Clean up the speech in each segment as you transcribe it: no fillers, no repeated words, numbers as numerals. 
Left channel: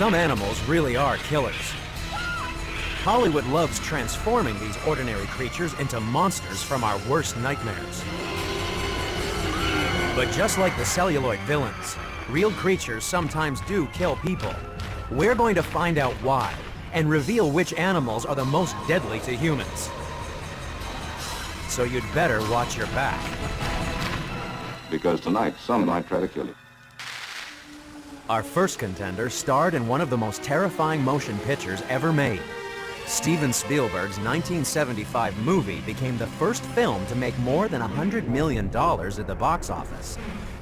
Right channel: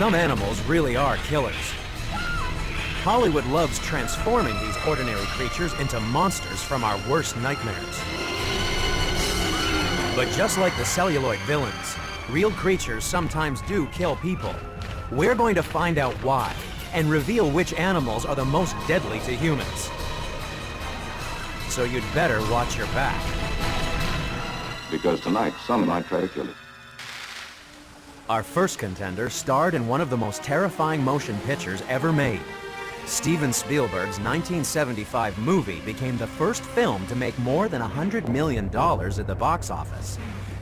Some animals really are killers. Hollywood loves transforming these ordinary creatures into monsters from our worst nightmares. But just like the celluloid villains, real creatures sometimes do kill people. We're going to find out why and reveal which animals are the most deadly to humans. So you'd better watch your back. Because tonight, some might try to kill you. Our first contender starred in one of the most terrifying motion pictures ever made. Steven Spielberg's 1975 movie became the first film to make more than $100 million at the box office.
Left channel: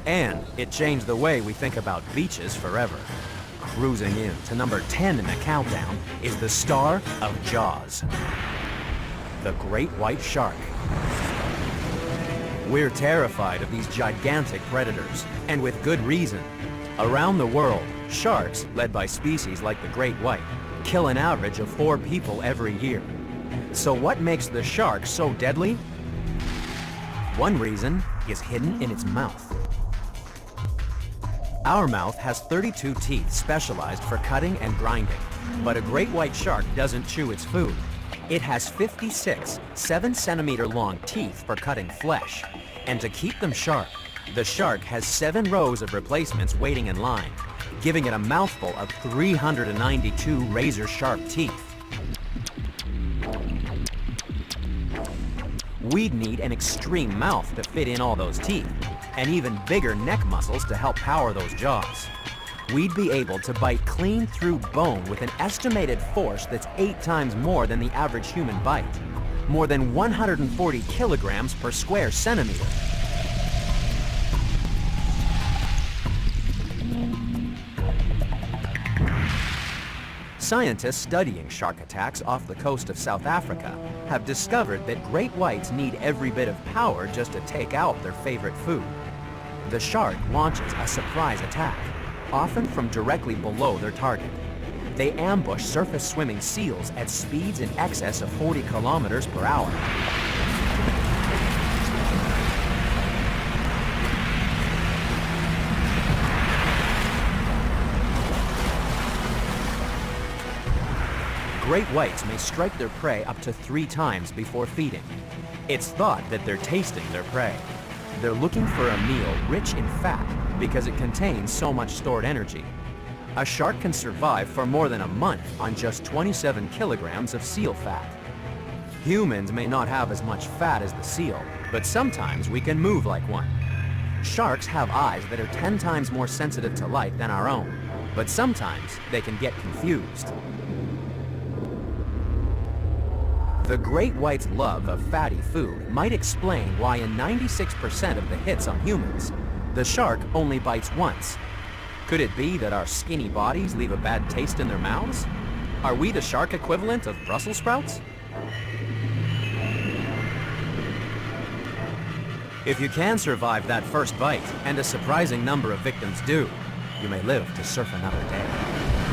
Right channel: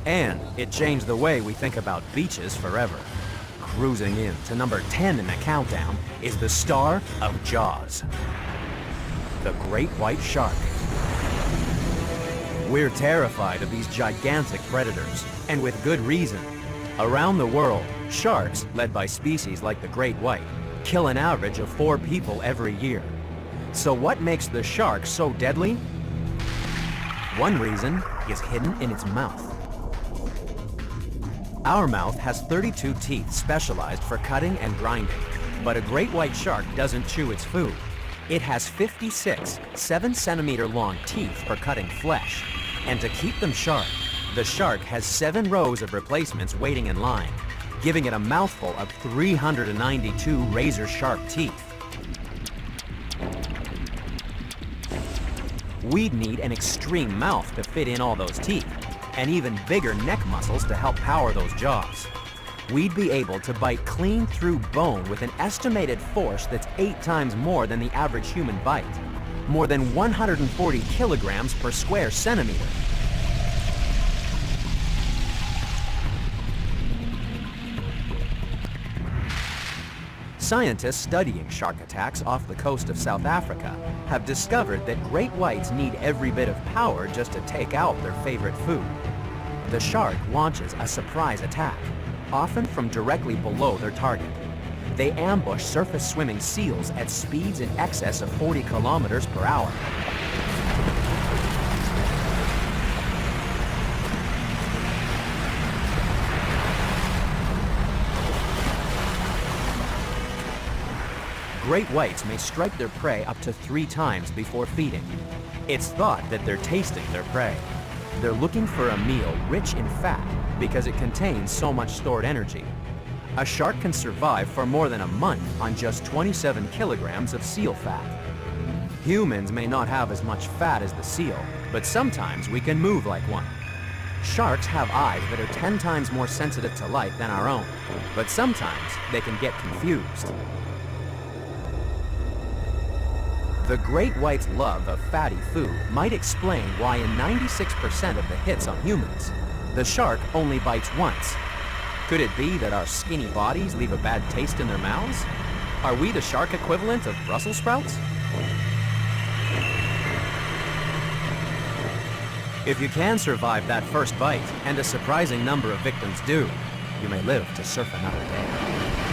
And it changed the way we think about beaches forever. Cruising in to number 10 in the countdown is the star of Jaws, the great white shark. We're terrified of these gigantic predators, and with good reason. Around the world, sharks, led by species like the great white, kill an average of 4 people every year. So what makes the shark so deadly? One reason is hidden in its mouth. Our mouth has 32 teeth specialized for cutting and grinding, but a great white shark doesn't chew its food. It has 56 7-centimeter long teeth for cutting flesh, and to keep them sharp, the shark has 7 rows of replacements waiting in line, giving it a mouthful of 392 razor-sharp teeth. We'd need an extreme mouth to fit in all those teeth, and even bigger neck muscles to help power those jaws. We'd be able to bite clean through bone with an estimated force that's 8 times more than the average human bite, more than 140 kilograms per square centimeter. Scientists studying shark attacks off the coast of South Africa have discovered that great whites need every bit of power just to take out their favorite food. The shark launches a surprise attack, often from directly below their target. They ambush surface swimming seals at speeds in excess of 40 kilometers per hour. Great whites may strike their prey up to 3 times before feeding. It's thought that they're tasting their prey. They're looking for a meal rich in fat because it contains so much stored energy. A shark can survive for more than a month on just 27 kilograms of seal fat. Humans may not have as much fat as the seal, but sometimes we can move like one. Sharks have eyes that are 10 times more sensitive to light than our own, but sometimes they can get confused. The great white's love of fatty food might explain why in 96% of the hits on humans, the shark only bites once. Could it be that our skinny bodies leave a bad taste in their mouths? Are we the shark equivalent of Brussels sprouts? If you can survive that first bite, and a surprising number of victims do, you may live to surf another day.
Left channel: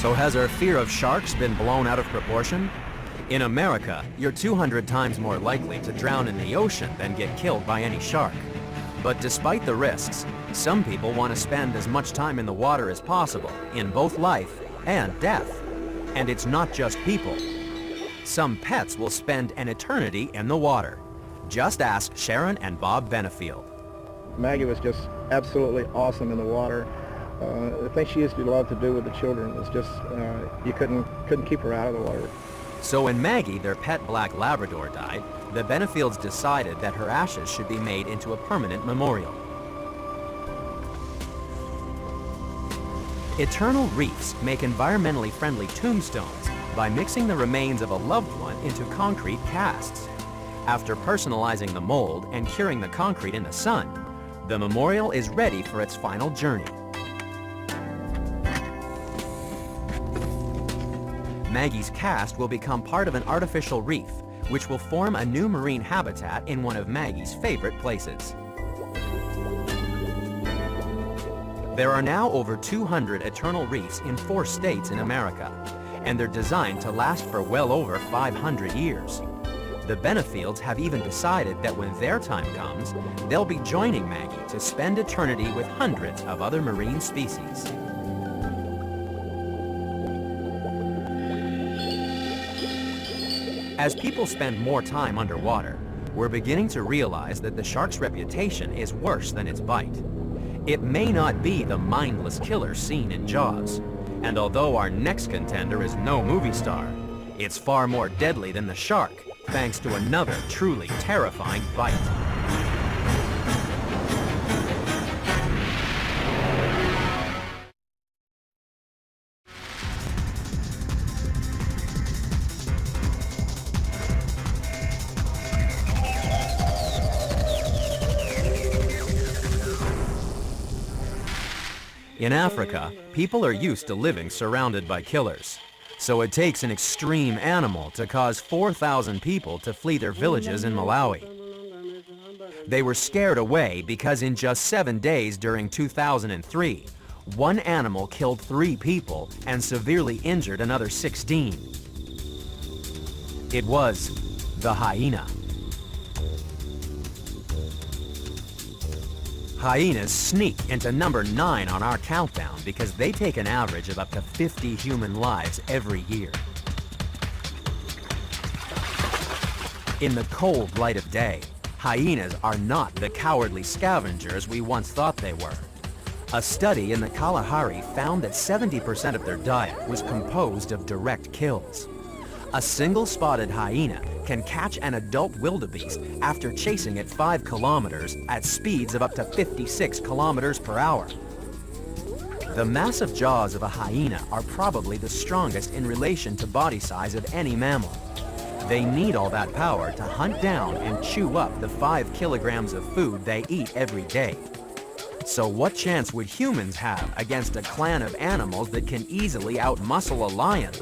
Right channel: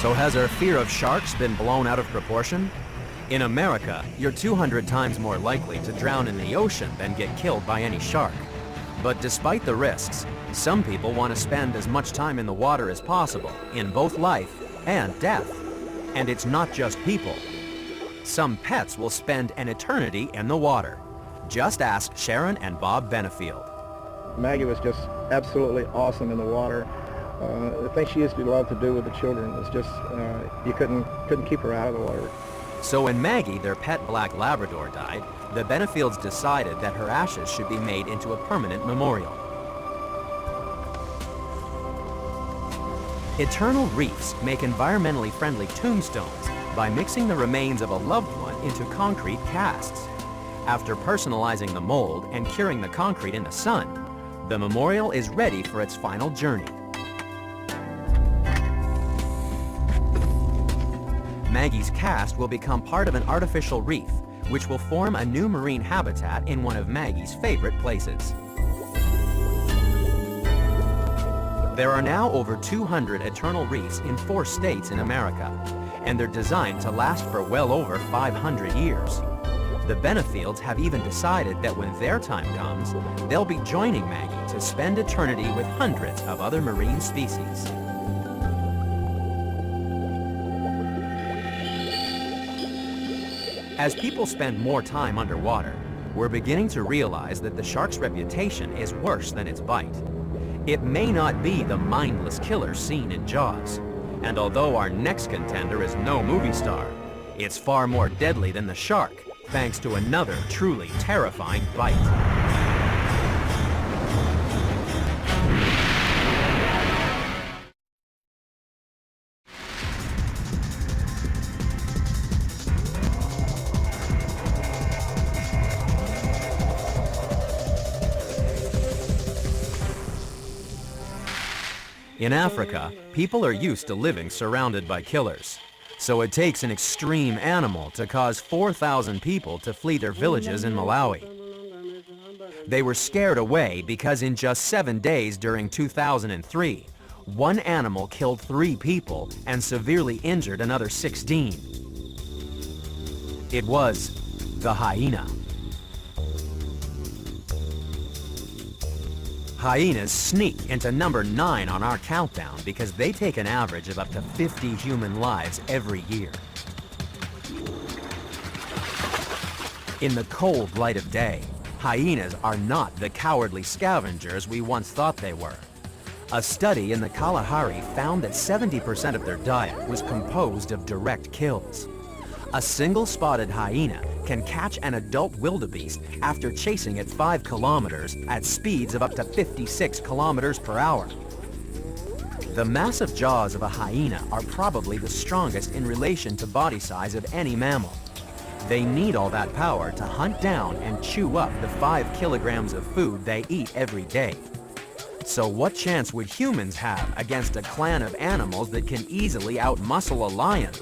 So has our fear of sharks been blown out of proportion? In America, you're 200 times more likely to drown in the ocean than get killed by any shark. But despite the risks, some people want to spend as much time in the water as possible, in both life and death. And it's not just people. Some pets will spend an eternity in the water. Just ask Sharon and Bob Benefield. Maggie was just absolutely awesome in the water. I think she used to want to do with the children. It was just, you couldn't keep her out of the water. So when Maggie, their pet black Labrador, died, the Benefields decided that her ashes should be made into a permanent memorial. Eternal Reefs make environmentally friendly tombstones by mixing the remains of a loved one into concrete casts. After personalizing the mold and curing the concrete in the sun, the memorial is ready for its final journey. Maggie's cast will become part of an artificial reef, which will form a new marine habitat in one of Maggie's favorite places. There are now over 200 eternal reefs in 4 states in America, and they're designed to last for well over 500 years. The Benefields have even decided that when their time comes, they'll be joining Maggie to spend eternity with hundreds of other marine species. As people spend more time underwater, we're beginning to realize that the shark's reputation is worse than its bite. It may not be the mindless killer seen in Jaws, and although our next contender is no movie star, it's far more deadly than the shark, thanks to another truly terrifying bite. In Africa, people are used to living surrounded by killers. So it takes an extreme animal to cause 4,000 people to flee their villages in Malawi. They were scared away because in just 7 days during 2003, one animal killed 3 people and severely injured another 16. It was the hyena. Hyenas sneak into number 9 on our countdown because they take an average of up to 50 human lives every year. In the cold light of day, hyenas are not the cowardly scavengers we once thought they were. A study in the Kalahari found that 70% of their diet was composed of direct kills. A single spotted hyena can catch an adult wildebeest after chasing it 5 kilometers at speeds of up to 56 kilometers per hour. The massive jaws of a hyena are probably the strongest in relation to body size of any mammal. They need all that power to hunt down and chew up the 5 kilograms of food they eat every day. So what chance would humans have against a clan of animals that can easily outmuscle a lion?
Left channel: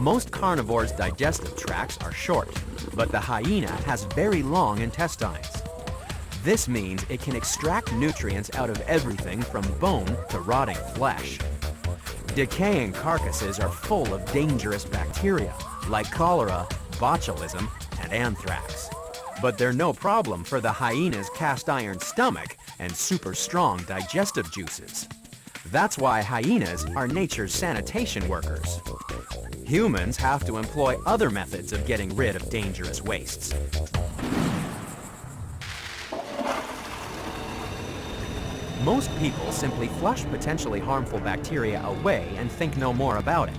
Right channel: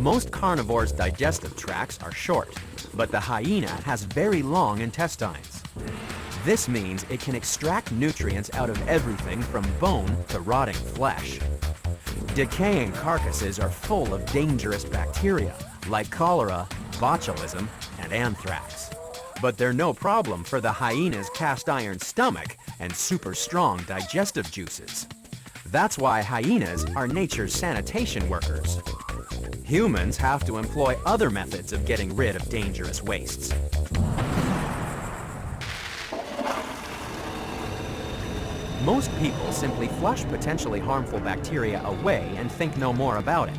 Most carnivores' digestive tracts are short, but the hyena has very long intestines. This means it can extract nutrients out of everything from bone to rotting flesh. Decaying carcasses are full of dangerous bacteria like cholera, botulism, and anthrax. But they're no problem for the hyena's cast iron stomach and super strong digestive juices. That's why hyenas are nature's sanitation workers. Humans have to employ other methods of getting rid of dangerous wastes. Most people simply flush potentially harmful bacteria away and think no more about it.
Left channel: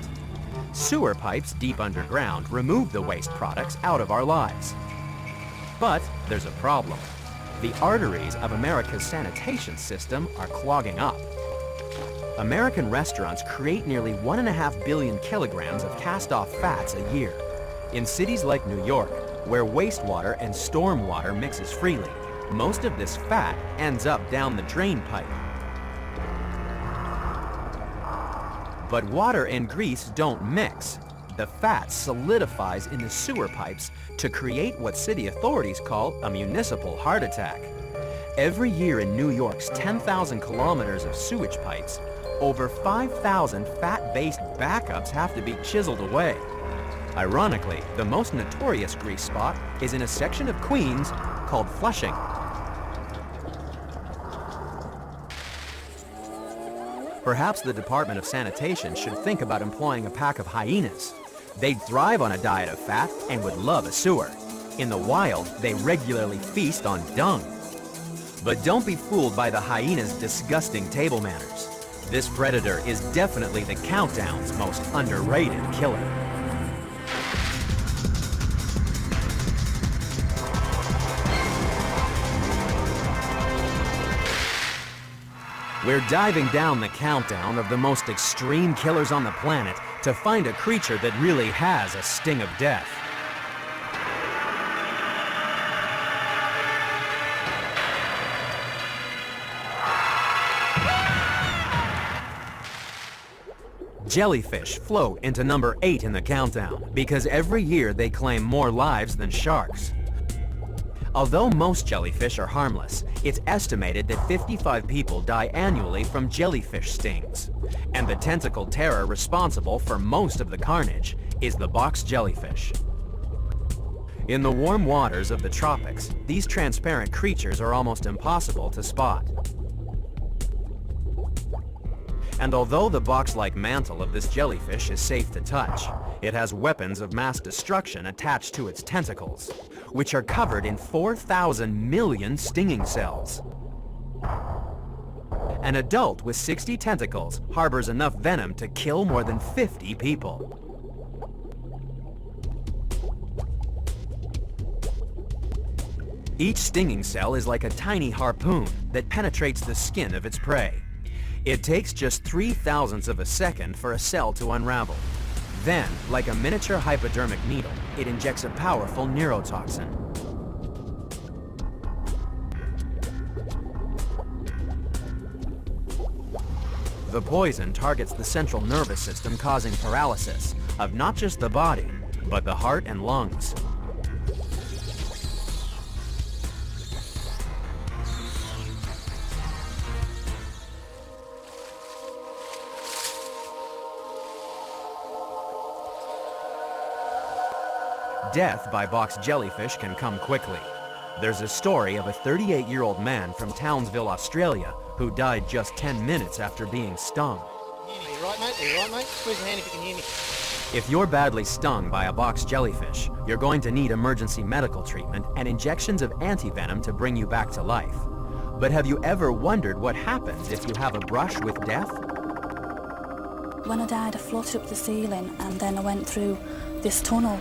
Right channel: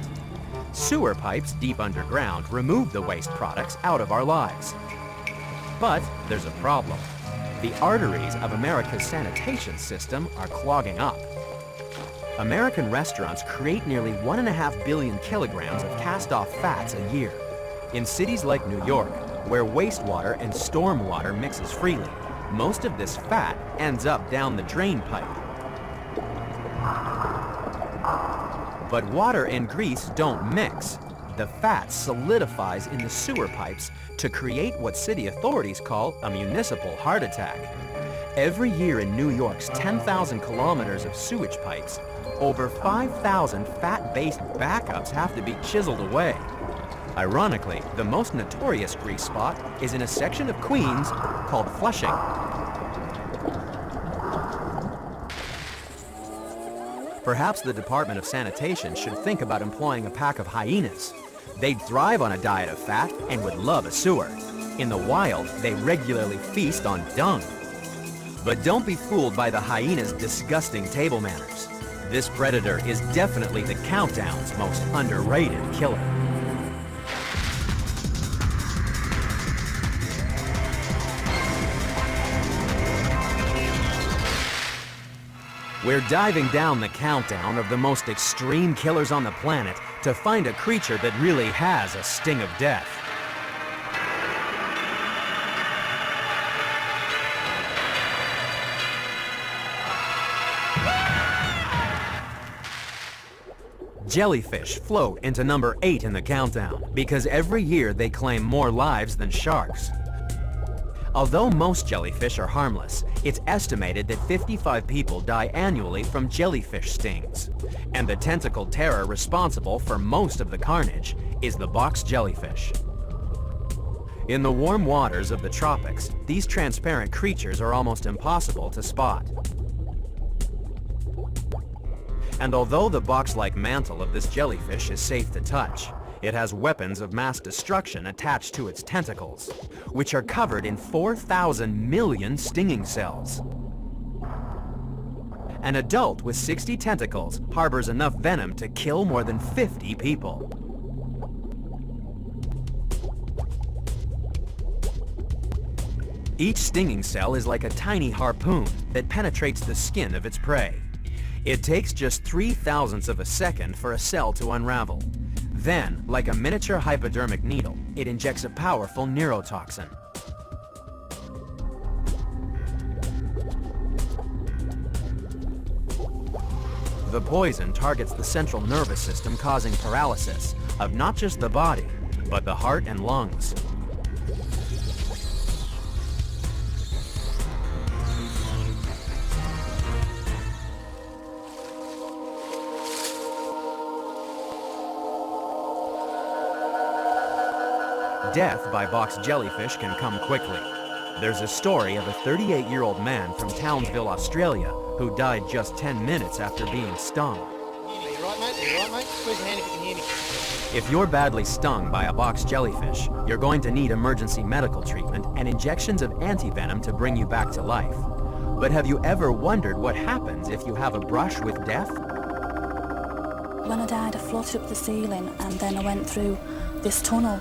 Sewer pipes deep underground remove the waste products out of our lives. But there's a problem. The arteries of America's sanitation system are clogging up. American restaurants create nearly 1.5 billion kilograms of cast-off fats a year. In cities like New York, where wastewater and stormwater mixes freely, most of this fat ends up down the drain pipe. But water and grease don't mix. The fat solidifies in the sewer pipes to create what city authorities call a municipal heart attack. Every year in New York's 10,000 kilometers of sewage pipes, over 5,000 fat-based backups have to be chiseled away. Ironically, the most notorious grease spot is in a section of Queens called Flushing. Perhaps the Department of Sanitation should think about employing a pack of hyenas. They'd thrive on a diet of fat and would love a sewer. In the wild, they regularly feast on dung. But don't be fooled by the hyena's disgusting table manners. This predator is definitely the countdown's most underrated killer. We're diving down the countdown of the most extreme killers on the planet to find a creature that really has a sting of death. Jellyfish float into number 8 in the countdown because every year they claim more lives than sharks. Although most jellyfish are harmless, it's estimated that 55 people die annually from jellyfish stings. And the tentacle terror responsible for most of the carnage is the box jellyfish. In the warm waters of the tropics, these transparent creatures are almost impossible to spot. And although the box-like mantle of this jellyfish is safe to touch, it has weapons of mass destruction attached to its tentacles, which are covered in 4,000 million stinging cells. An adult with 60 tentacles harbors enough venom to kill more than 50 people. Each stinging cell is like a tiny harpoon that penetrates the skin of its prey. It takes just 0.003 of a second for a cell to unravel. Then, like a miniature hypodermic needle, it injects a powerful neurotoxin. The poison targets the central nervous system, causing paralysis of not just the body, but the heart and lungs. Death by box jellyfish can come quickly. There's a story of a 38-year-old man from Townsville, Australia, who died just 10 minutes after being stung. If you're badly stung by a box jellyfish, you're going to need emergency medical treatment and injections of antivenom to bring you back to life. But have you ever wondered what happens if you have a brush with death? When I died, I floated up the ceiling and then I went through this tunnel.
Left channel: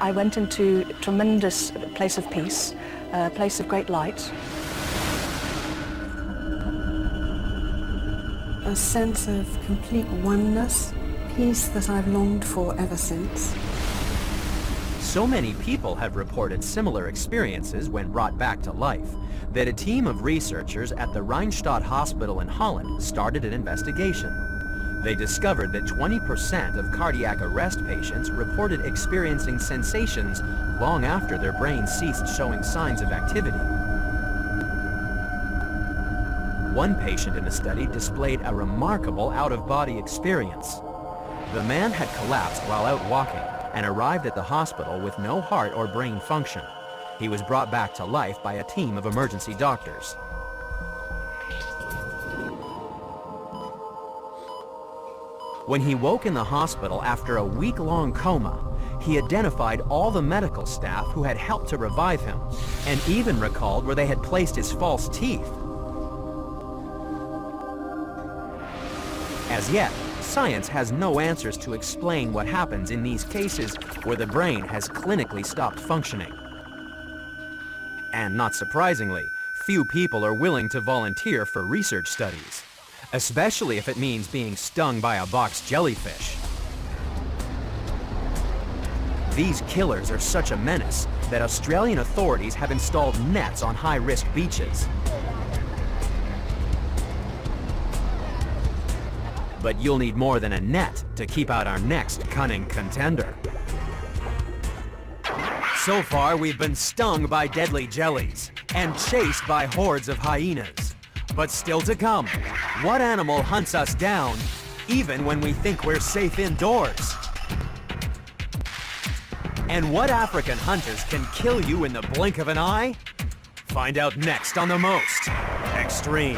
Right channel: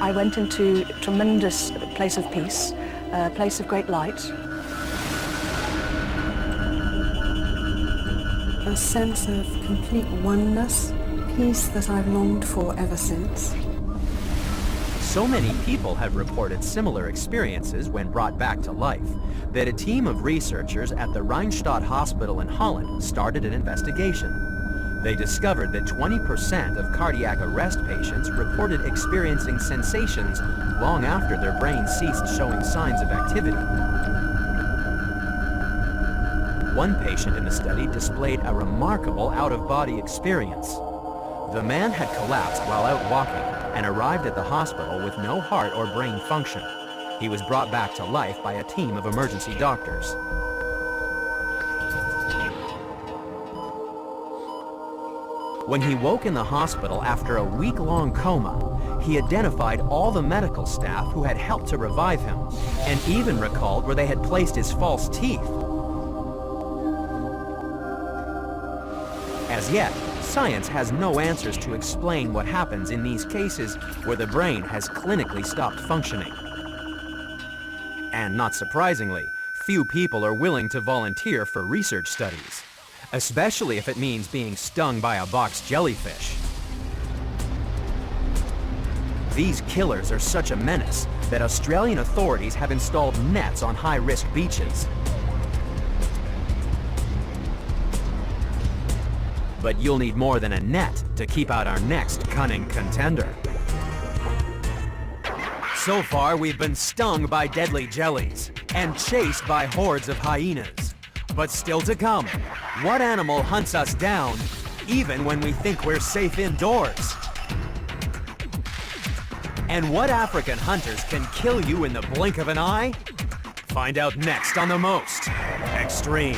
I went into a tremendous place of peace, a place of great light. A sense of complete oneness, peace that I've longed for ever since. So many people have reported similar experiences when brought back to life that a team of researchers at the Rijnstadt Hospital in Holland started an investigation. They discovered that 20% of cardiac arrest patients reported experiencing sensations long after their brains ceased showing signs of activity. One patient in the study displayed a remarkable out-of-body experience. The man had collapsed while out walking and arrived at the hospital with no heart or brain function. He was brought back to life by a team of emergency doctors. When he woke in the hospital after a week-long coma, he identified all the medical staff who had helped to revive him, and even recalled where they had placed his false teeth. As yet, science has no answers to explain what happens in these cases where the brain has clinically stopped functioning. And not surprisingly, few people are willing to volunteer for research studies, especially if it means being stung by a box jellyfish. These killers are such a menace that Australian authorities have installed nets on high-risk beaches. But you'll need more than a net to keep out our next cunning contender. So far, we've been stung by deadly jellies and chased by hordes of hyenas. But still to come, what animal hunts us down even when we think we're safe indoors? And what African hunters can kill you in the blink of an eye? Find out next on The Most Extreme.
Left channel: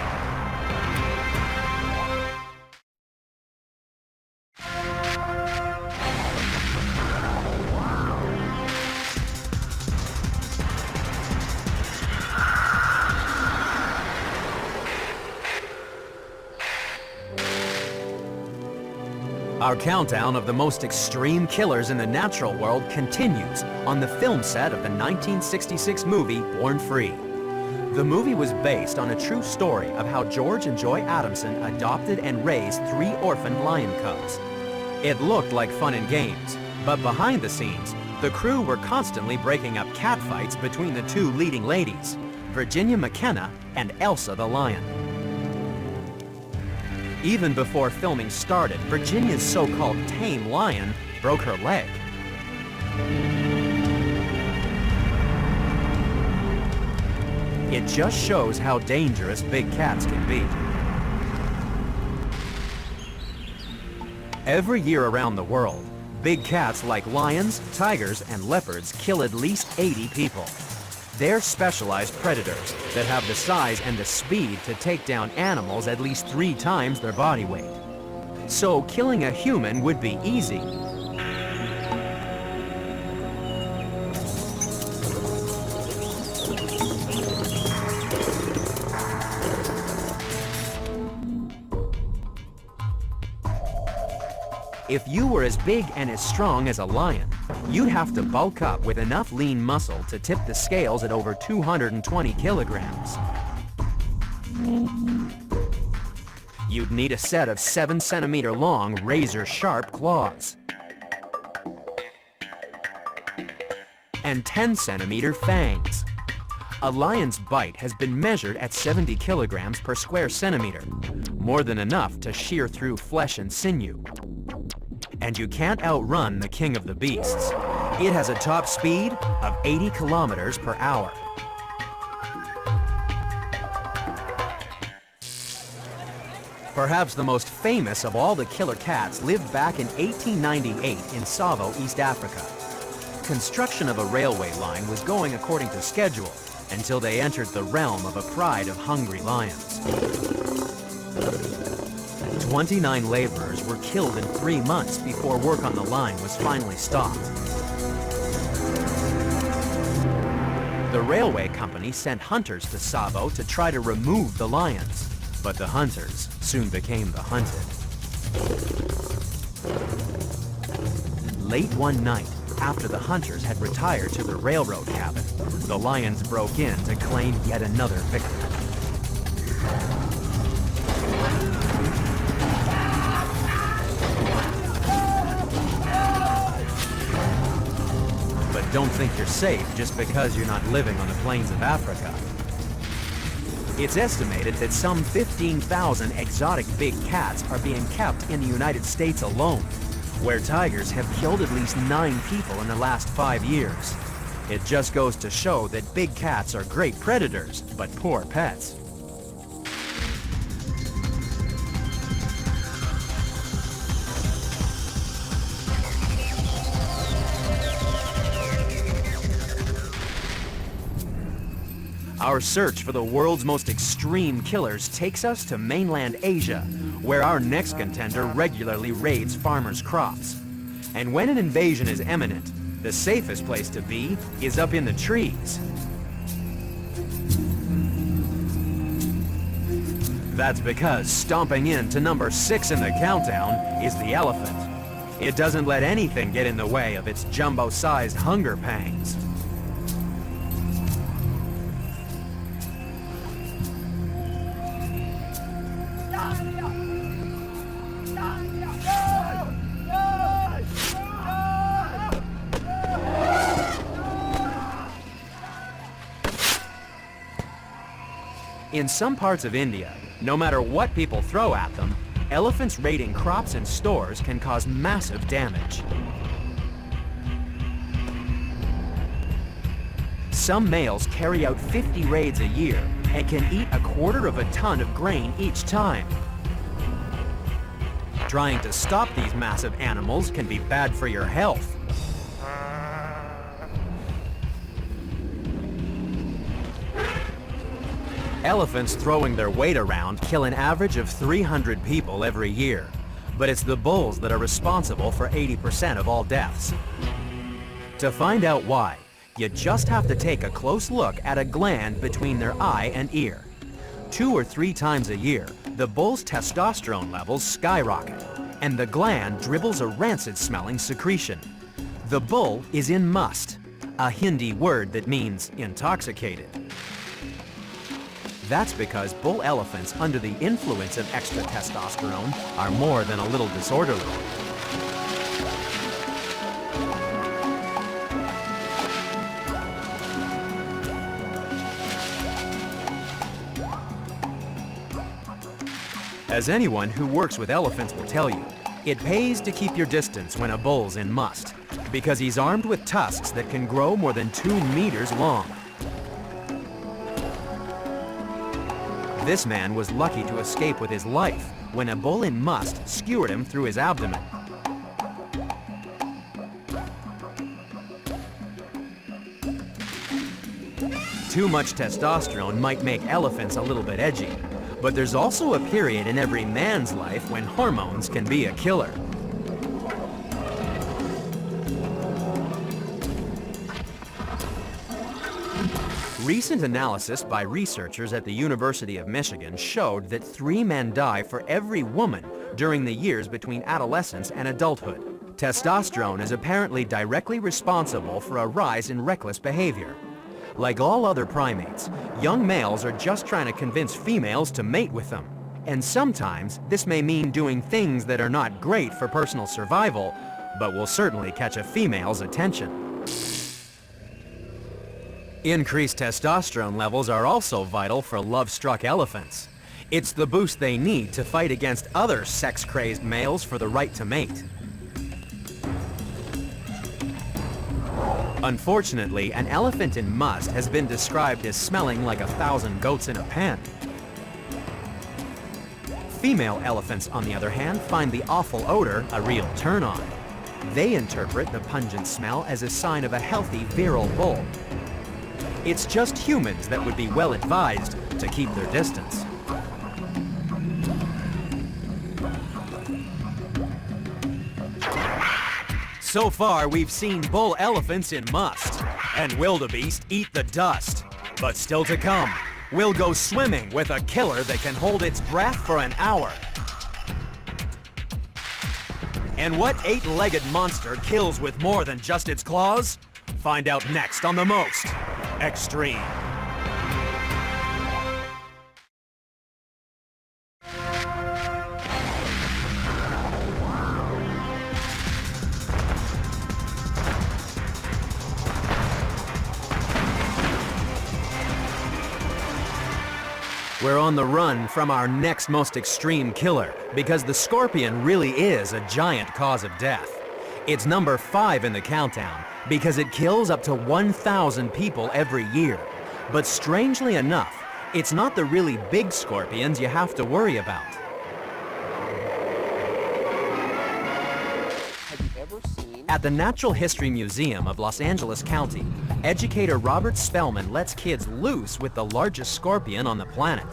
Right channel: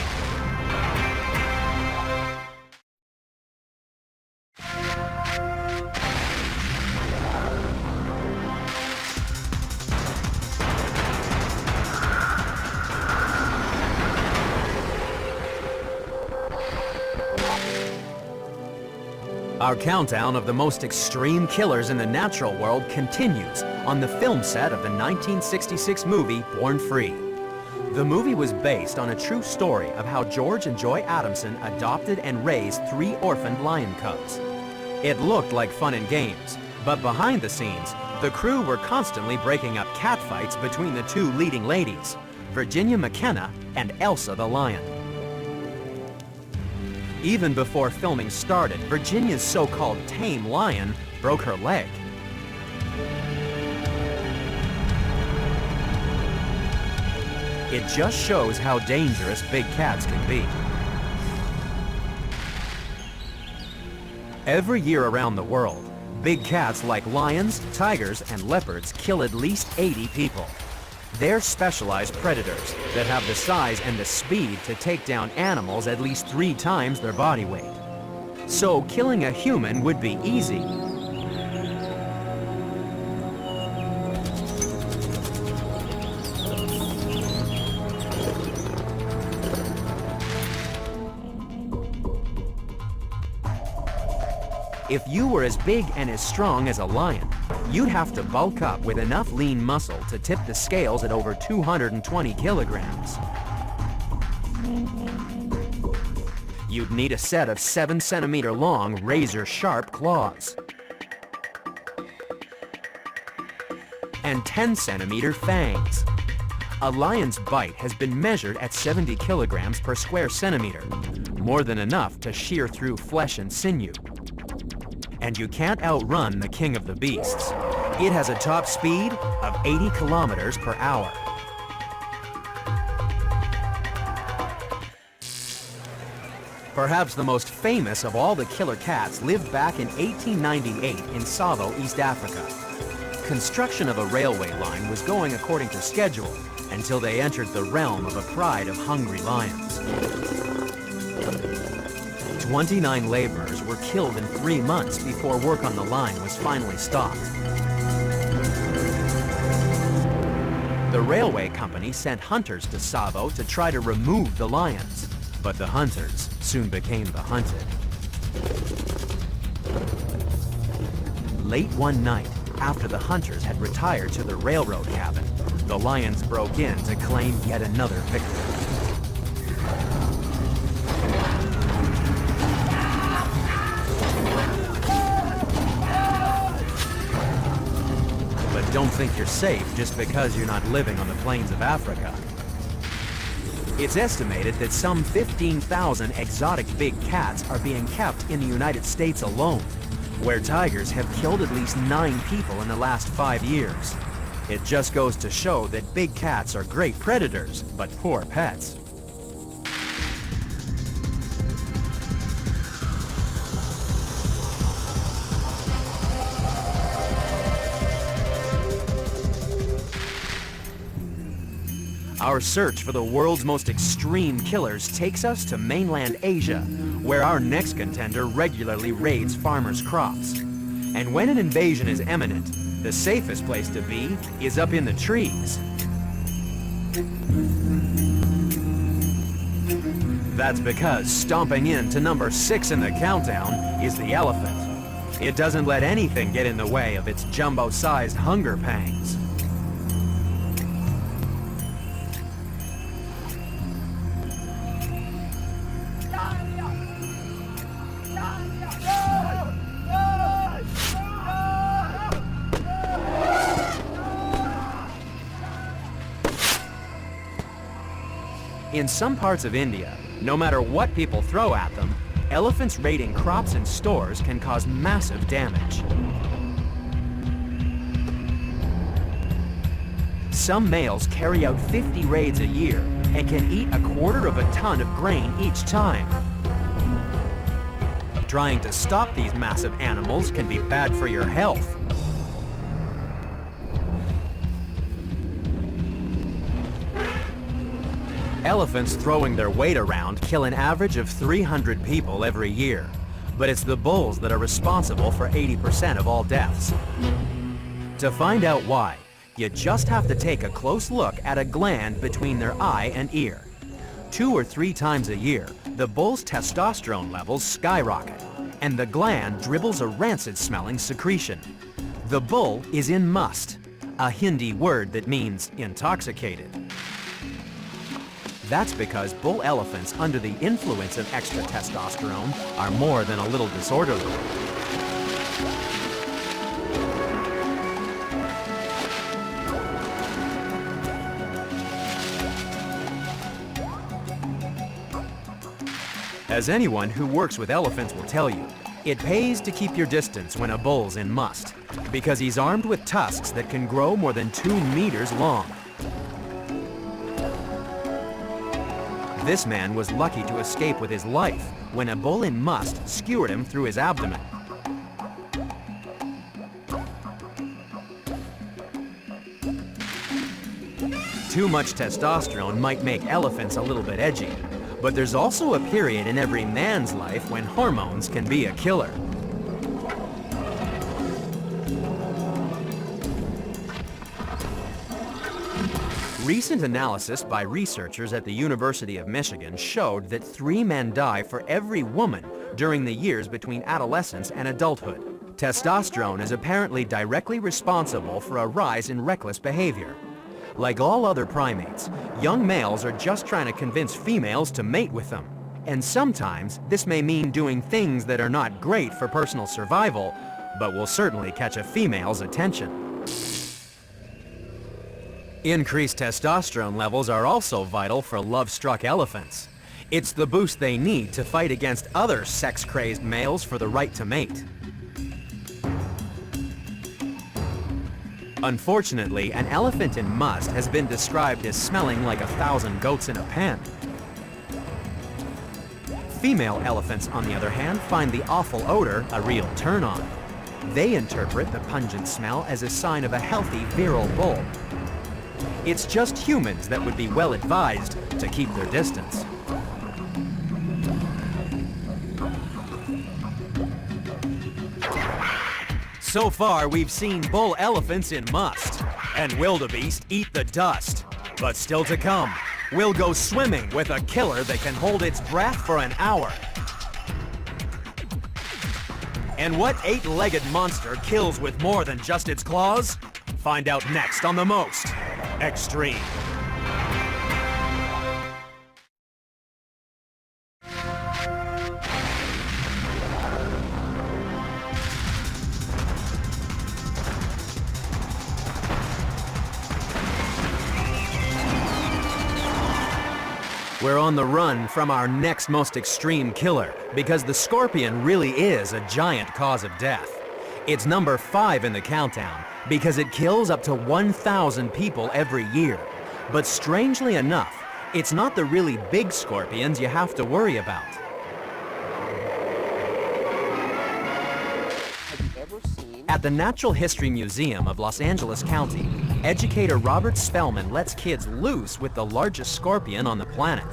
Our countdown of the most extreme killers in the natural world continues on the film set of the 1966 movie Born Free. The movie was based on a true story of how George and Joy Adamson adopted and raised 3 orphaned lion cubs. It looked like fun and games, but behind the scenes, the crew were constantly breaking up catfights between the 2 leading ladies, Virginia McKenna and Elsa the lion. Even before filming started, Virginia's so-called tame lion broke her leg. It just shows how dangerous big cats can be. Every year around the world, big cats like lions, tigers, and leopards kill at least 80 people. They're specialized predators that have the size and the speed to take down animals at least 3 times their body weight. So killing a human would be easy. If you were as big and as strong as a lion, you'd have to bulk up with enough lean muscle to tip the scales at over 220 kilograms. You'd need a set of 7-centimeter long, razor-sharp claws and 10-centimeter fangs. A lion's bite has been measured at 70 kilograms per square centimeter, more than enough to shear through flesh and sinew. And you can't outrun the king of the beasts. It has a top speed of 80 kilometers per hour. Perhaps the most famous of all the killer cats lived back in 1898 in Savo, East Africa. Construction of a railway line was going according to schedule until they entered the realm of a pride of hungry lions. 29 laborers were killed in 3 months before work on the line was finally stopped. The railway company sent hunters to Savo to try to remove the lions, but the hunters soon became the hunted. Late one night, after the hunters had retired to a railroad cabin, the lions broke in to claim yet another victim. Don't think you're safe just because you're not living on the plains of Africa. It's estimated that some 15,000 exotic big cats are being kept in the United States alone, where tigers have killed at least 9 people in the last 5 years. It just goes to show that big cats are great predators, but poor pets. Our search for the world's most extreme killers takes us to mainland Asia, where our next contender regularly raids farmers' crops. And when an invasion is imminent, the safest place to be is up in the trees. That's because stomping in to number 6 in the countdown is the elephant. It doesn't let anything get in the way of its jumbo-sized hunger pangs. In some parts of India, no matter what people throw at them, elephants raiding crops and stores can cause massive damage. Some males carry out 50 raids a year and can eat 1/4 of a ton of grain each time. Trying to stop these massive animals can be bad for your health. Elephants throwing their weight around kill an average of 300 people every year, but it's the bulls that are responsible for 80% of all deaths. To find out why, you just have to take a close look at a gland between their eye and ear. 2 or 3 times a year, the bull's testosterone levels skyrocket, and the gland dribbles a rancid-smelling secretion. The bull is in must, a Hindi word that means intoxicated. That's because bull elephants under the influence of extra testosterone are more than a little disorderly. As anyone who works with elephants will tell you, it pays to keep your distance when a bull's in must, because he's armed with tusks that can grow more than 2 meters long. This man was lucky to escape with his life when a bull in must skewered him through his abdomen. Too much testosterone might make elephants a little bit edgy, but there's also a period in every man's life when hormones can be a killer. Recent analysis by researchers at the University of Michigan showed that 3 men die for every woman during the years between adolescence and adulthood. Testosterone is apparently directly responsible for a rise in reckless behavior. Like all other primates, young males are just trying to convince females to mate with them. And sometimes this may mean doing things that are not great for personal survival, but will certainly catch a female's attention. Increased testosterone levels are also vital for love-struck elephants. It's the boost they need to fight against other sex-crazed males for the right to mate. Unfortunately, an elephant in must has been described as smelling like 1,000 goats in a pen. Female elephants, on the other hand, find the awful odor a real turn-on. They interpret the pungent smell as a sign of a healthy, virile bull. It's just humans that would be well advised to keep their distance. So far, we've seen bull elephants in must, and wildebeest eat the dust. But still to come, we'll go swimming with a killer that can hold its breath for an hour. And what 8-legged monster kills with more than just its claws? Find out next on The Most Extreme. We're on the run from our next most extreme killer, because the scorpion really is a giant cause of death. It's number 5 in the countdown, because it kills up to 1,000 people every year. But strangely enough, it's not the really big scorpions you have to worry about. At the Natural History Museum of Los Angeles County, educator Robert Spellman lets kids loose with the largest scorpion on the planet.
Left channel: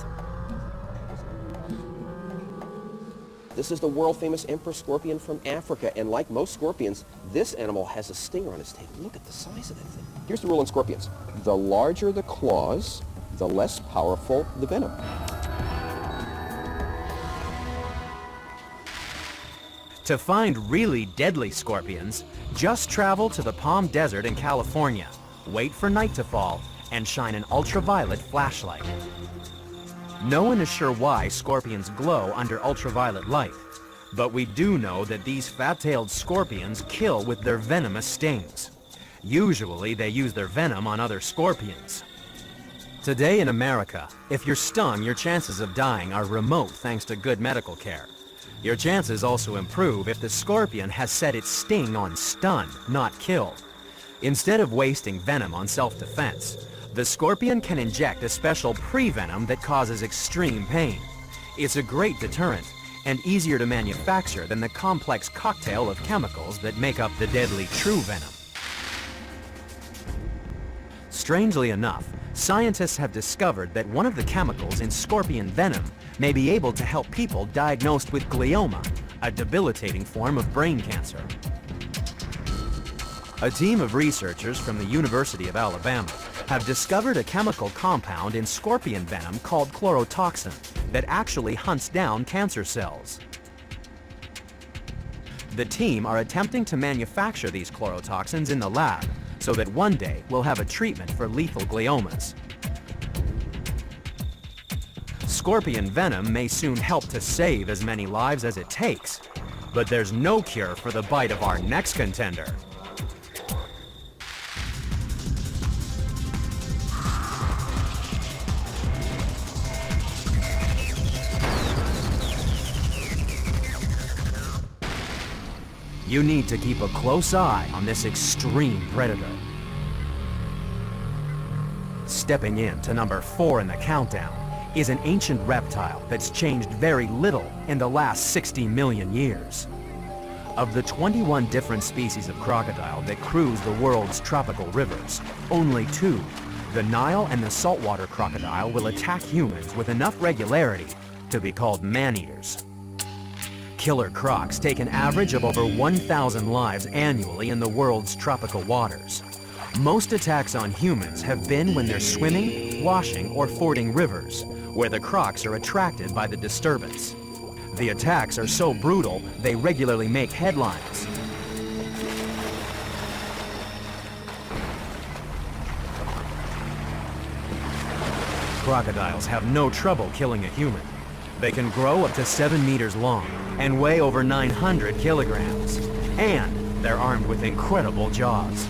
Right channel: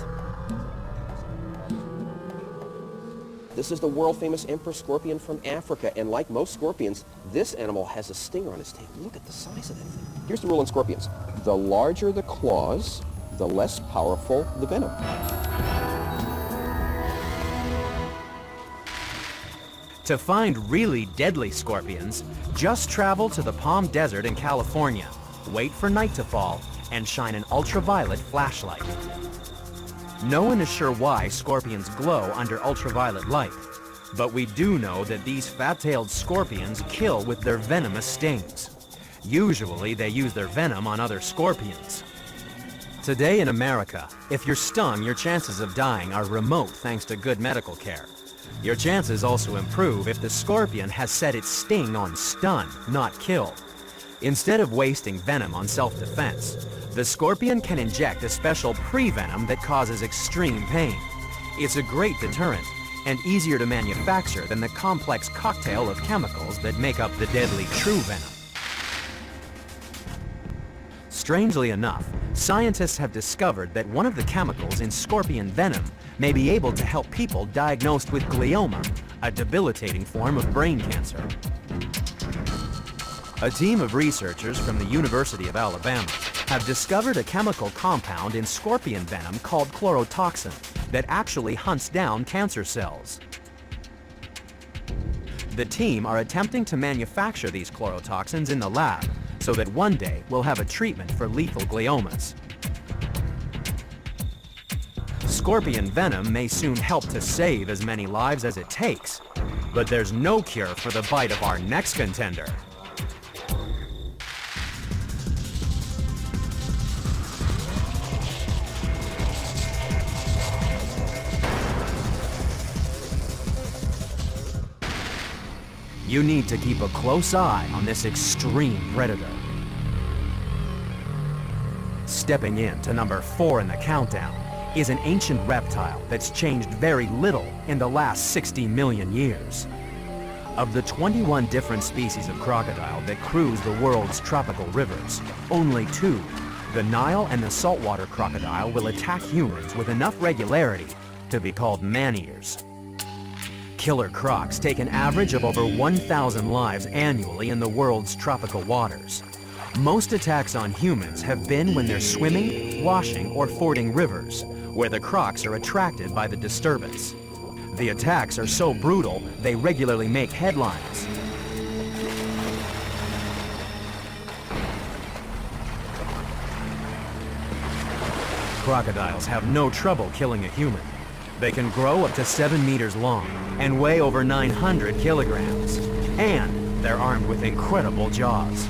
This is the world-famous emperor scorpion from Africa, and like most scorpions, this animal has a stinger on its tail. Look at the size of it. Here's the rule on scorpions. The larger the claws, the less powerful the venom. To find really deadly scorpions, just travel to the Palm Desert in California, wait for night to fall, and shine an ultraviolet flashlight. No one is sure why scorpions glow under ultraviolet light, but we do know that these fat-tailed scorpions kill with their venomous stings. Usually they use their venom on other scorpions. Today in America, if you're stung, your chances of dying are remote thanks to good medical care. Your chances also improve if the scorpion has set its sting on stun, not kill. Instead of wasting venom on self-defense, the scorpion can inject a special pre-venom that causes extreme pain. It's a great deterrent and easier to manufacture than the complex cocktail of chemicals that make up the deadly true venom. Strangely enough, scientists have discovered that one of the chemicals in scorpion venom may be able to help people diagnosed with glioma, a debilitating form of brain cancer. A team of researchers from the University of Alabama have discovered a chemical compound in scorpion venom called chlorotoxin that actually hunts down cancer cells. The team are attempting to manufacture these chlorotoxins in the lab so that one day we'll have a treatment for lethal gliomas. Scorpion venom may soon help to save as many lives as it takes, but there's no cure for the bite of our next contender. You need to keep a close eye on this extreme predator. Stepping in to number 4 in the countdown is an ancient reptile that's changed very little in the last 60 million years. Of the 21 different species of crocodile that cruise the world's tropical rivers, only 2, the Nile and the saltwater crocodile, will attack humans with enough regularity to be called man-eaters. Killer crocs take an average of over 1,000 lives annually in the world's tropical waters. Most attacks on humans have been when they're swimming, washing, or fording rivers, where the crocs are attracted by the disturbance. The attacks are so brutal, they regularly make headlines. Crocodiles have no trouble killing a human. They can grow up to 7 meters long and weigh over 900 kilograms. And they're armed with incredible jaws.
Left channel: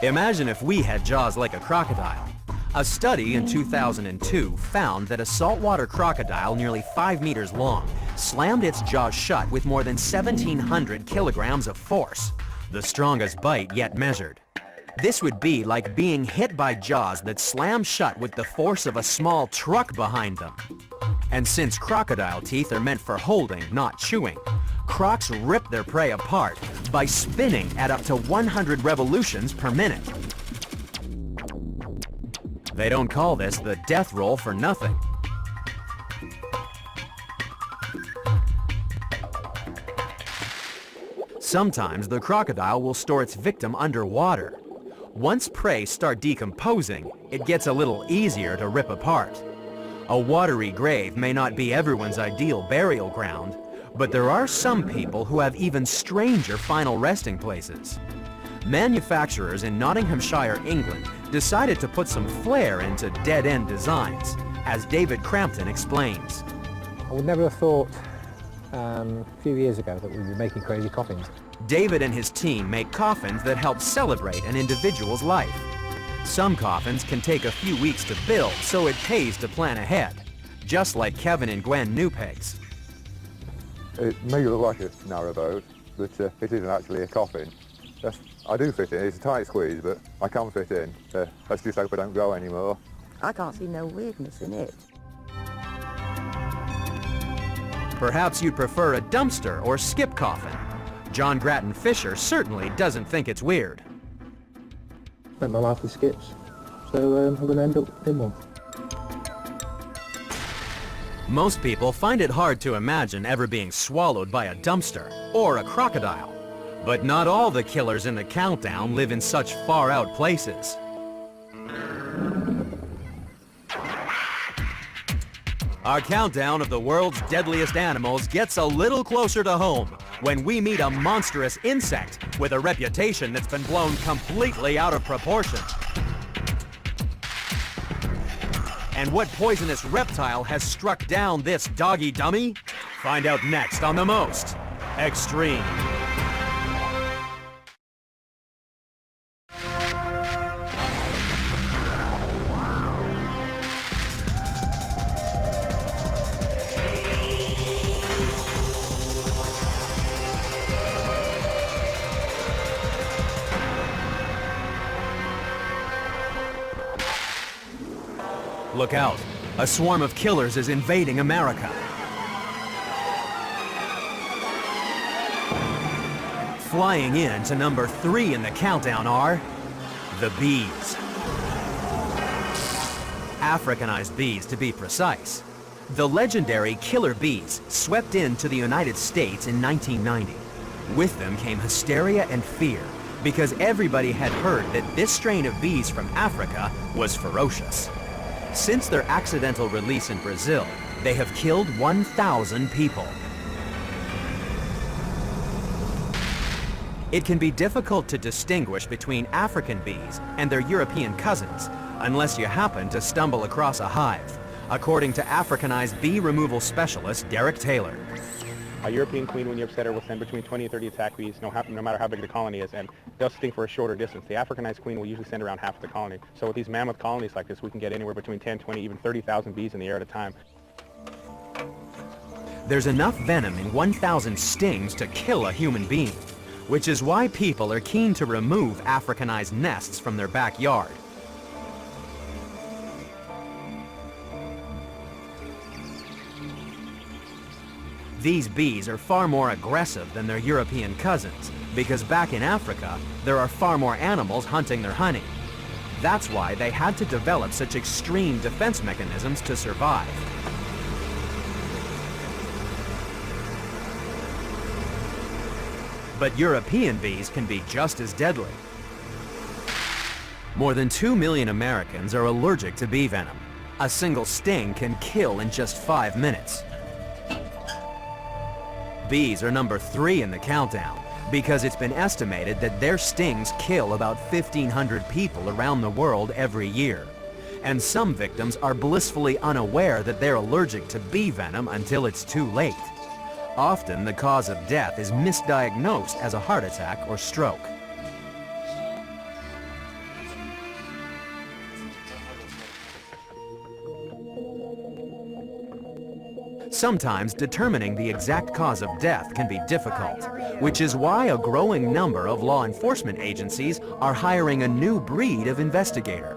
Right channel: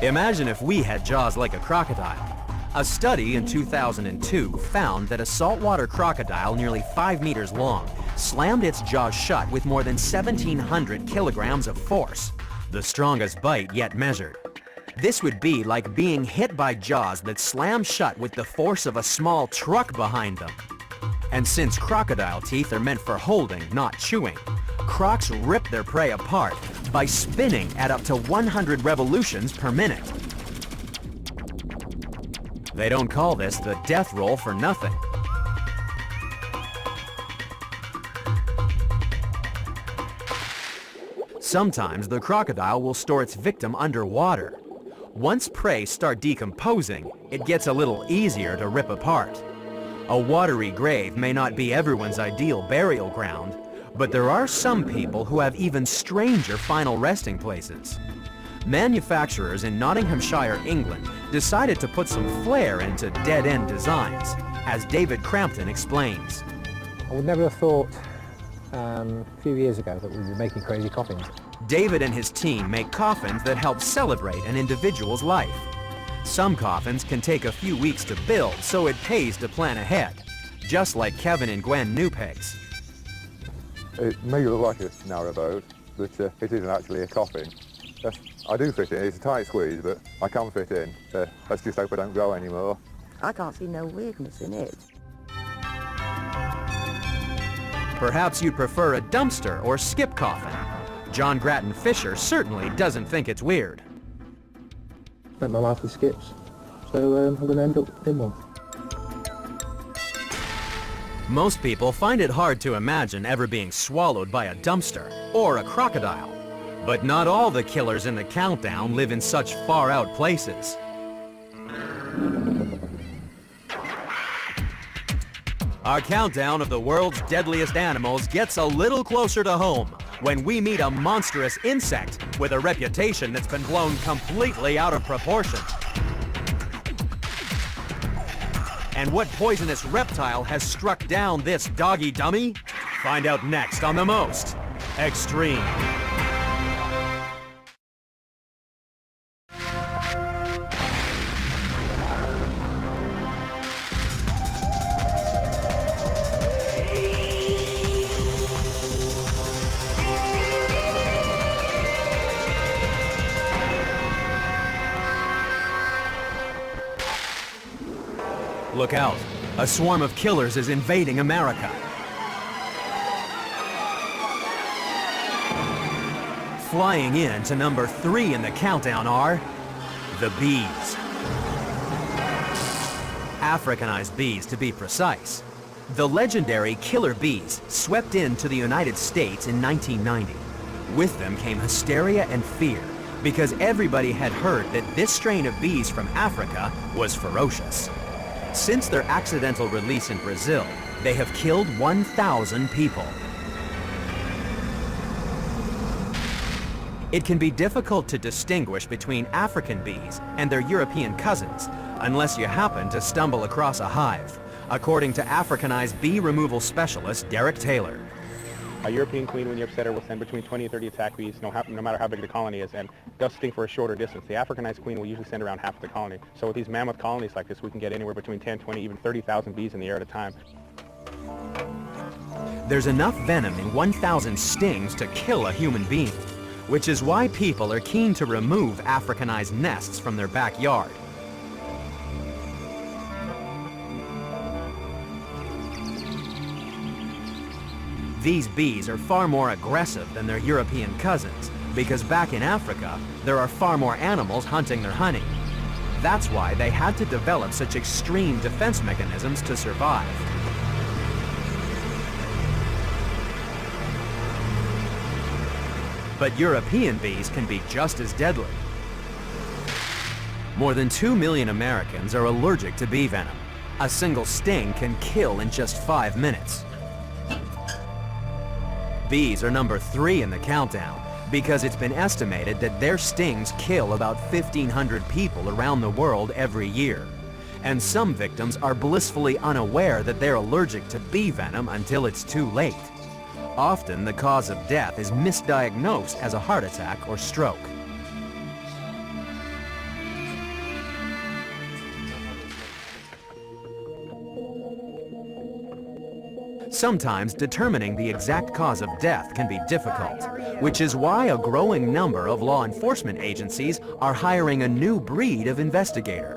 Imagine if we had jaws like a crocodile. A study in 2002 found that a saltwater crocodile nearly 5 meters long slammed its jaws shut with more than 1,700 kilograms of force, the strongest bite yet measured. This would be like being hit by jaws that slammed shut with the force of a small truck behind them. And since crocodile teeth are meant for holding, not chewing, crocs rip their prey apart by spinning at up to 100 revolutions per minute. They don't call this the death roll for nothing. Sometimes the crocodile will store its victim underwater. Once prey start decomposing, it gets a little easier to rip apart. A watery grave may not be everyone's ideal burial ground, but there are some people who have even stranger final resting places. Manufacturers in Nottinghamshire, England, decided to put some flair into dead-end designs, as David Crampton explains. I would never have thought a few years ago that we'd be making crazy coffins. David and his team make coffins that help celebrate an individual's life. Some coffins can take a few weeks to build, so it pays to plan ahead, just like Kevin and Gwen Newpeg's. It may look like a narrowboat, but it isn't actually a coffin. I do fit in. It's a tight squeeze, but I can fit in. Let's just hope I don't go anymore. I can't see no weirdness in it. Perhaps you'd prefer a dumpster or skip coffin. John Grattan Fisher certainly doesn't think it's weird. My life with skips, so I'm going to end up in one. Most people find it hard to imagine ever being swallowed by a dumpster or a crocodile. But not all the killers in the countdown live in such far-out places. Our countdown of the world's deadliest animals gets a little closer to home when we meet a monstrous insect with a reputation that's been blown completely out of proportion. And what poisonous reptile has struck down this doggy dummy? Find out next on The Most Extreme. Look out. A swarm of killers is invading America. Flying in to number 3 in the countdown are the bees. Africanized bees, to be precise. The legendary killer bees swept into the United States in 1990. With them came hysteria and fear, because everybody had heard that this strain of bees from Africa was ferocious. Since their accidental release in Brazil, they have killed 1,000 people. It can be difficult to distinguish between African bees and their European cousins, unless you happen to stumble across a hive, according to Africanized bee removal specialist Derek Taylor. A European queen, when you upset her, will send between 20 and 30 attack bees, no matter how big the colony is, and they'll sting for a shorter distance. The Africanized queen will usually send around half of the colony. So with these mammoth colonies like this, we can get anywhere between 10, 20, even 30,000 bees in the air at a time. There's enough venom in 1,000 stings to kill a human being, which is why people are keen to remove Africanized nests from their backyard. These bees are far more aggressive than their European cousins, because back in Africa, there are far more animals hunting their honey. That's why they had to develop such extreme defense mechanisms to survive. But European bees can be just as deadly. More than 2 million Americans are allergic to bee venom. A single sting can kill in just 5 minutes. Bees are number 3 in the countdown because it's been estimated that their stings kill about 1,500 people around the world every year. And some victims are blissfully unaware that they're allergic to bee venom until it's too late. Often, the cause of death is misdiagnosed as a heart attack or stroke. Sometimes determining the exact cause of death can be difficult, which is why a growing number of law enforcement agencies are hiring a new breed of investigator.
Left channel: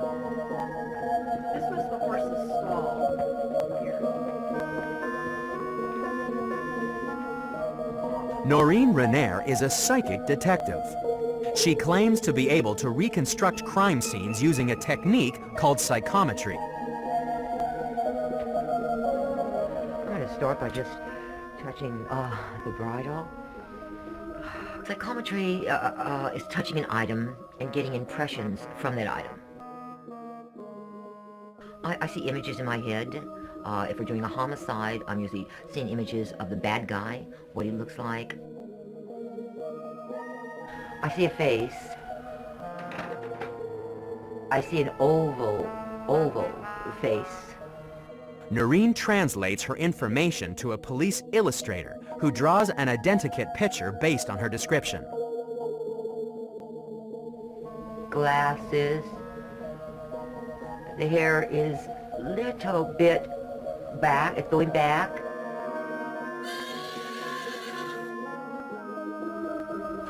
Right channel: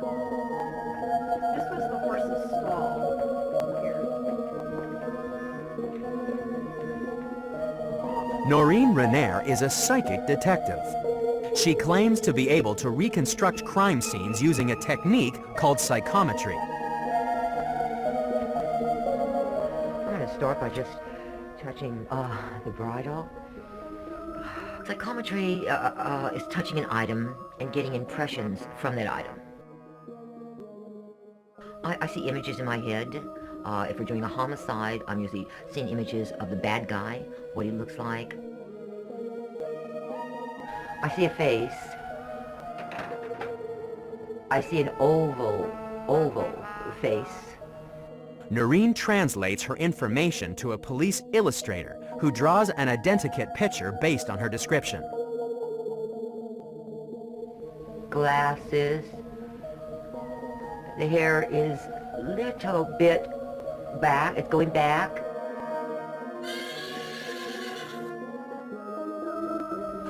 Noreen Renair is a psychic detective. She claims to be able to reconstruct crime scenes using a technique called psychometry. I'm going to start by just touching the bridle. Psychometry is touching an item and getting impressions from that item. I see images in my head. If we're doing a homicide, I'm usually seeing images of the bad guy, what he looks like. I see a face. I see an oval face. Noreen translates her information to a police illustrator who draws an identikit picture based on her description. Glasses. The hair is a little bit back. It's going back.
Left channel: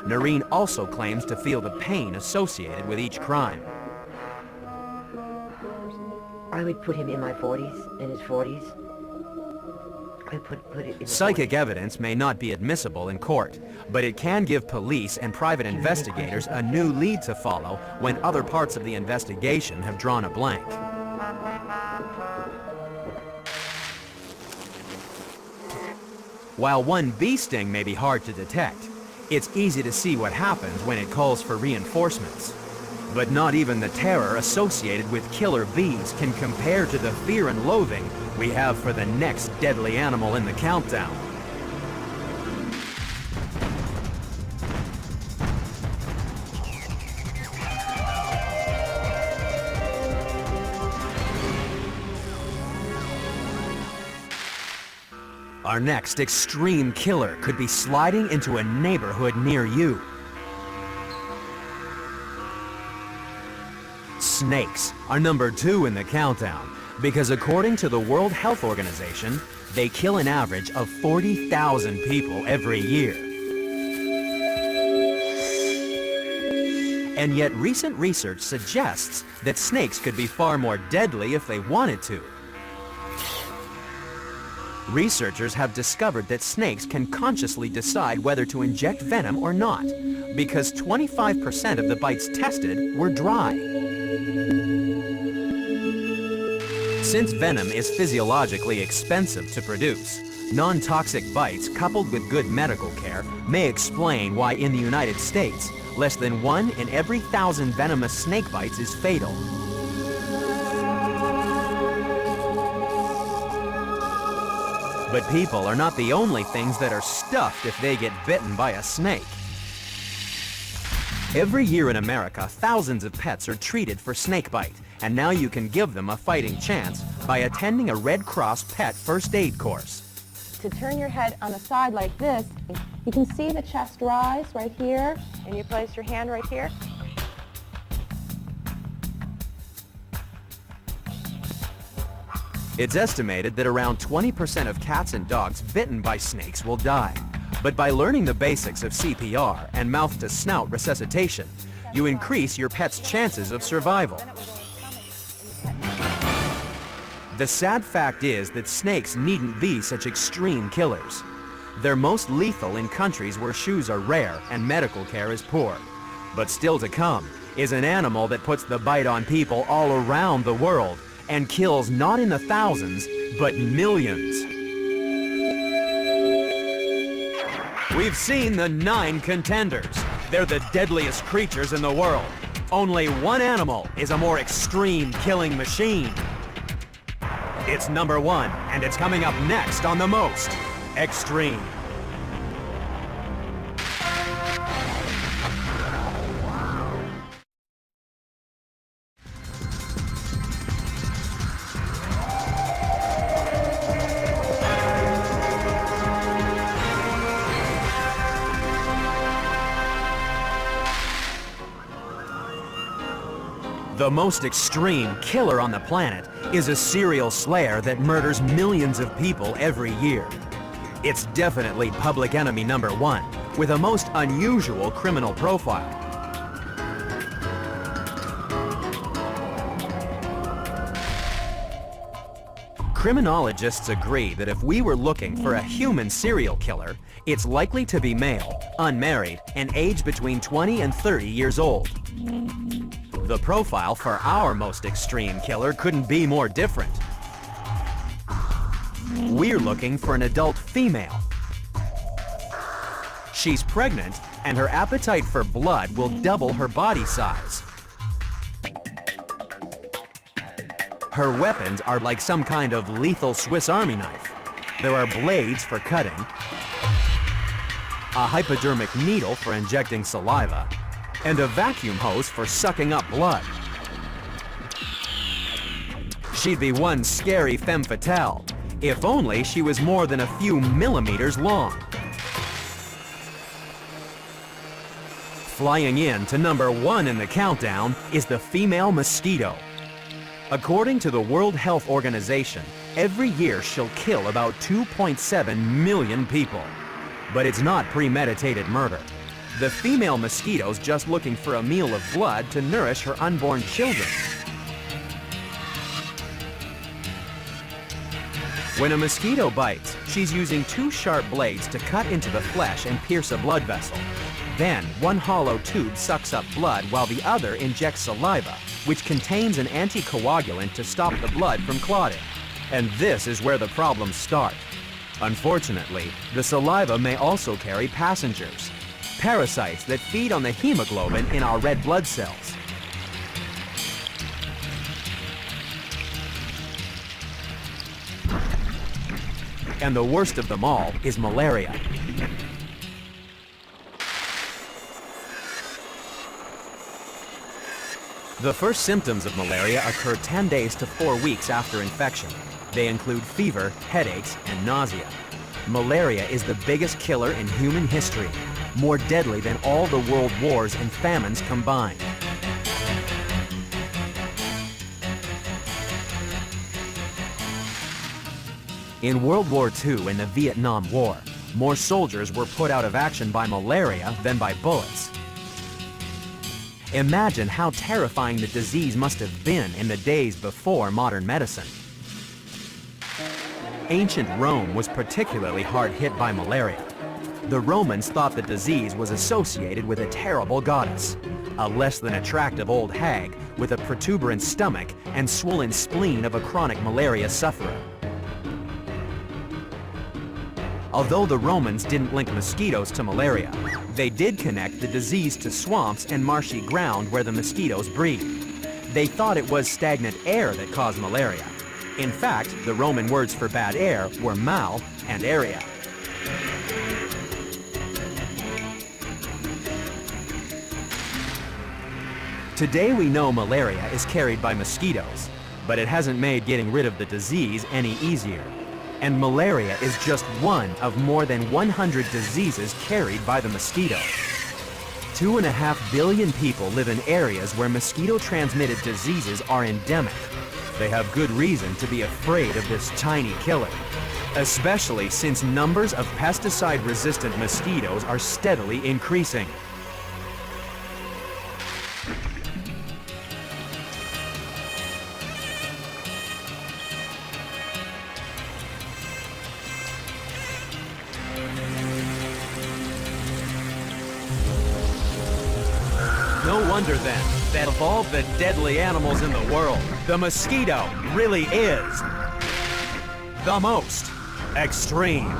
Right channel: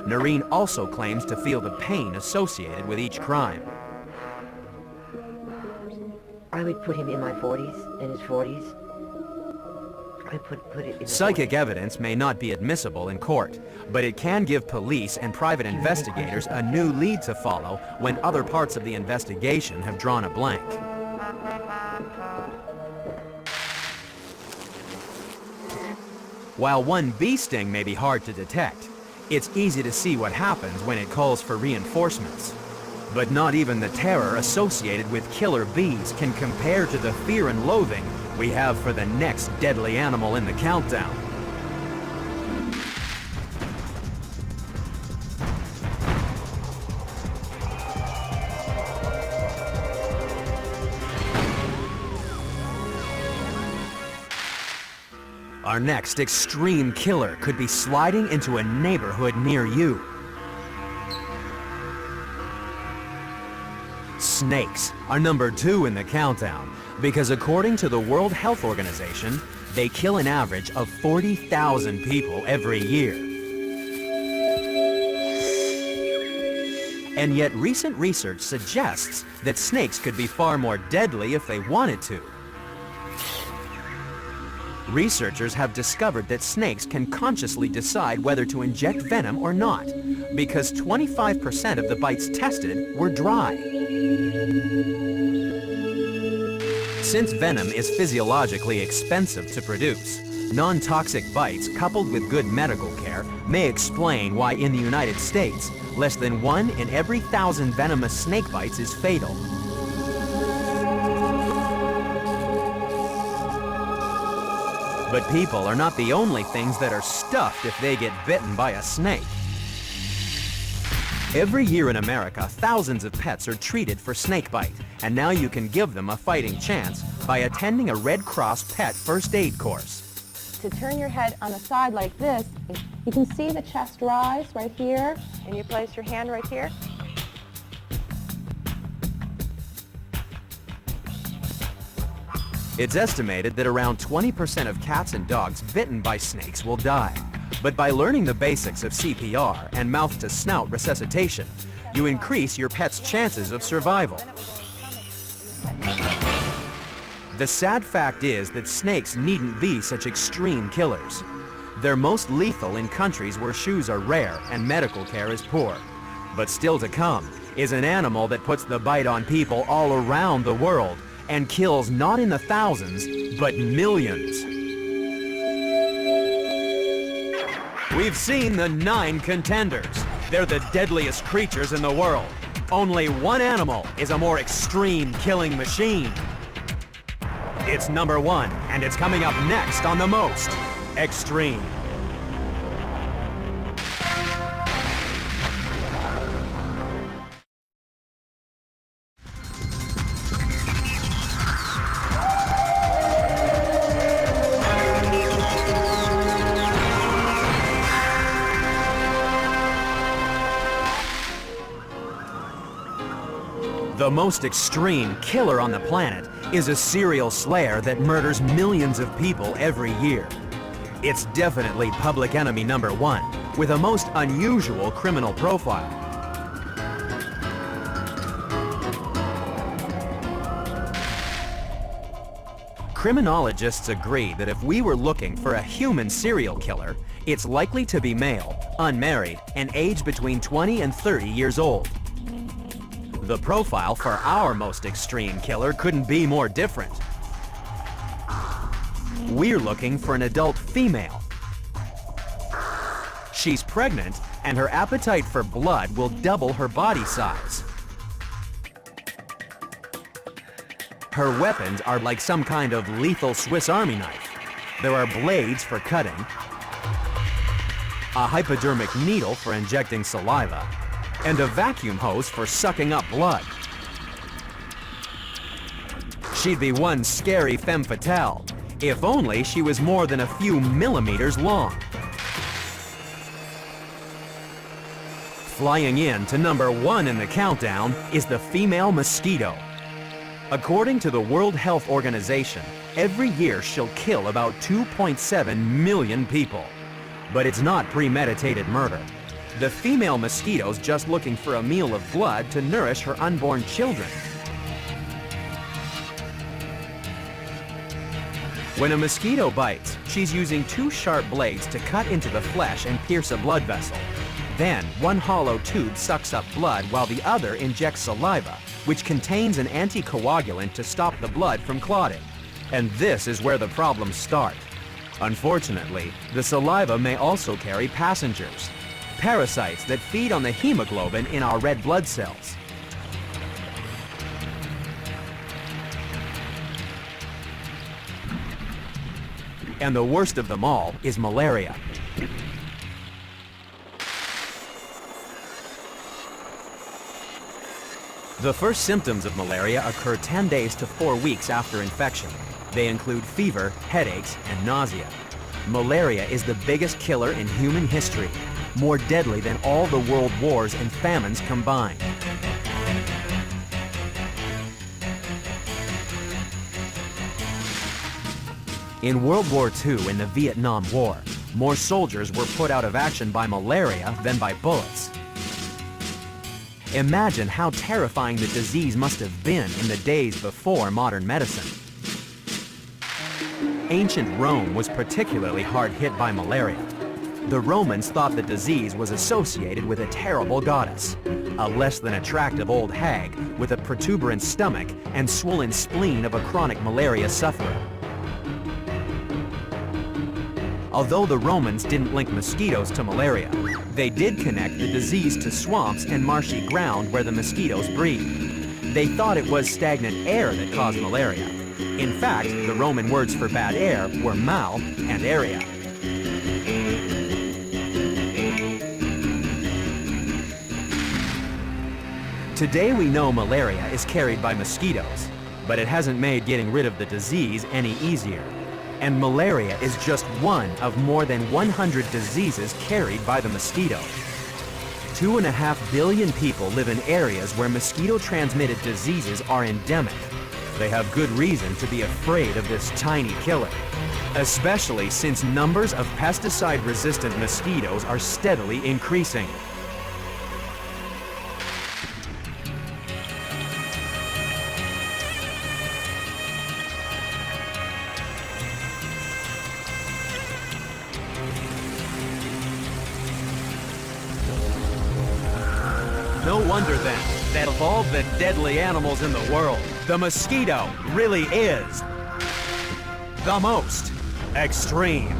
Noreen also claims to feel the pain associated with each crime. I would put him in my 40s, in his 40s. I put it in Psychic evidence may not be admissible in court, but it can give police and private investigators a new lead to follow when other parts of the investigation have drawn a blank. While one bee sting may be hard to detect, it's easy to see what happens when it calls for reinforcements. But not even the terror associated with killer bees can compare to the fear and loathing we have for the next deadly animal in the countdown. Our next extreme killer could be sliding into a neighborhood near you. Snakes are number 2 in the countdown because according to the World Health Organization, they kill an average of 40,000 people every year. And yet recent research suggests that snakes could be far more deadly if they wanted to. Researchers have discovered that snakes can consciously decide whether to inject venom or not, because 25% of the bites tested were dry. Since venom is physiologically expensive to produce, non-toxic bites coupled with good medical care may explain why in the United States, less than 1 in every 1,000 venomous snake bites is fatal. But people are not the only things that are stuffed if they get bitten by a snake. Every year in America, thousands of pets are treated for snakebite, and now you can give them a fighting chance by attending a Red Cross Pet First Aid course. To turn your head on the side like this, you can see the chest rise right here, and you place your hand right here. It's estimated that around 20% of cats and dogs bitten by snakes will die. But by learning the basics of CPR and mouth-to-snout resuscitation, you increase your pet's chances of survival. The sad fact is that snakes needn't be such extreme killers. They're most lethal in countries where shoes are rare and medical care is poor. But still to come is an animal that puts the bite on people all around the world and kills not in the thousands, but millions. We've seen the 9 contenders. They're the deadliest creatures in the world. Only one animal is a more extreme killing machine. It's number 1, and it's coming up next on the most extreme. The most extreme killer on the planet is a serial slayer that murders millions of people every year. It's definitely public enemy number 1, with a most unusual criminal profile. Criminologists agree that if we were looking for a human serial killer, it's likely to be male, unmarried, and aged between 20 and 30 years old. The profile for our most extreme killer couldn't be more different. We're looking for an adult female. She's pregnant, and her appetite for blood will double her body size. Her weapons are like some kind of lethal Swiss Army knife. There are blades for cutting, a hypodermic needle for injecting saliva, and a vacuum hose for sucking up blood. She'd be one scary femme fatale, if only she was more than a few millimeters long. Flying in to number 1 in the countdown is the female mosquito. According to the World Health Organization, every year she'll kill about 2.7 million people. But it's not premeditated murder. The female mosquito's just looking for a meal of blood to nourish her unborn children. When a mosquito bites, she's using 2 sharp blades to cut into the flesh and pierce a blood vessel. Then, one hollow tube sucks up blood while the other injects saliva, which contains an anticoagulant to stop the blood from clotting. And this is where the problems start. Unfortunately, the saliva may also carry passengers, parasites that feed on the hemoglobin in our red blood cells. And the worst of them all is malaria. The first symptoms of malaria occur 10 days to 4 weeks after infection. They include fever, headaches, and nausea. Malaria is the biggest killer in human history, more deadly than all the world wars and famines combined. In World War II and the Vietnam War, more soldiers were put out of action by malaria than by bullets. Imagine how terrifying the disease must have been in the days before modern medicine. Ancient Rome was particularly hard hit by malaria. The Romans thought the disease was associated with a terrible goddess, a less than attractive old hag with a protuberant stomach and swollen spleen of a chronic malaria sufferer. Although the Romans didn't link mosquitoes to malaria, they did connect the disease to swamps and marshy ground where the mosquitoes breed. They thought it was stagnant air that caused malaria. In fact, the Roman words for bad air were mal and area. Today we know malaria is carried by mosquitoes, but it hasn't made getting rid of the disease any easier. And malaria is just one of more than 100 diseases carried by the mosquito. 2.5 billion people live in areas where mosquito-transmitted diseases are endemic. They have good reason to be afraid of this tiny killer, especially since numbers of pesticide-resistant mosquitoes are steadily increasing. No wonder then that of all the deadly animals in the world, the mosquito really is the most extreme.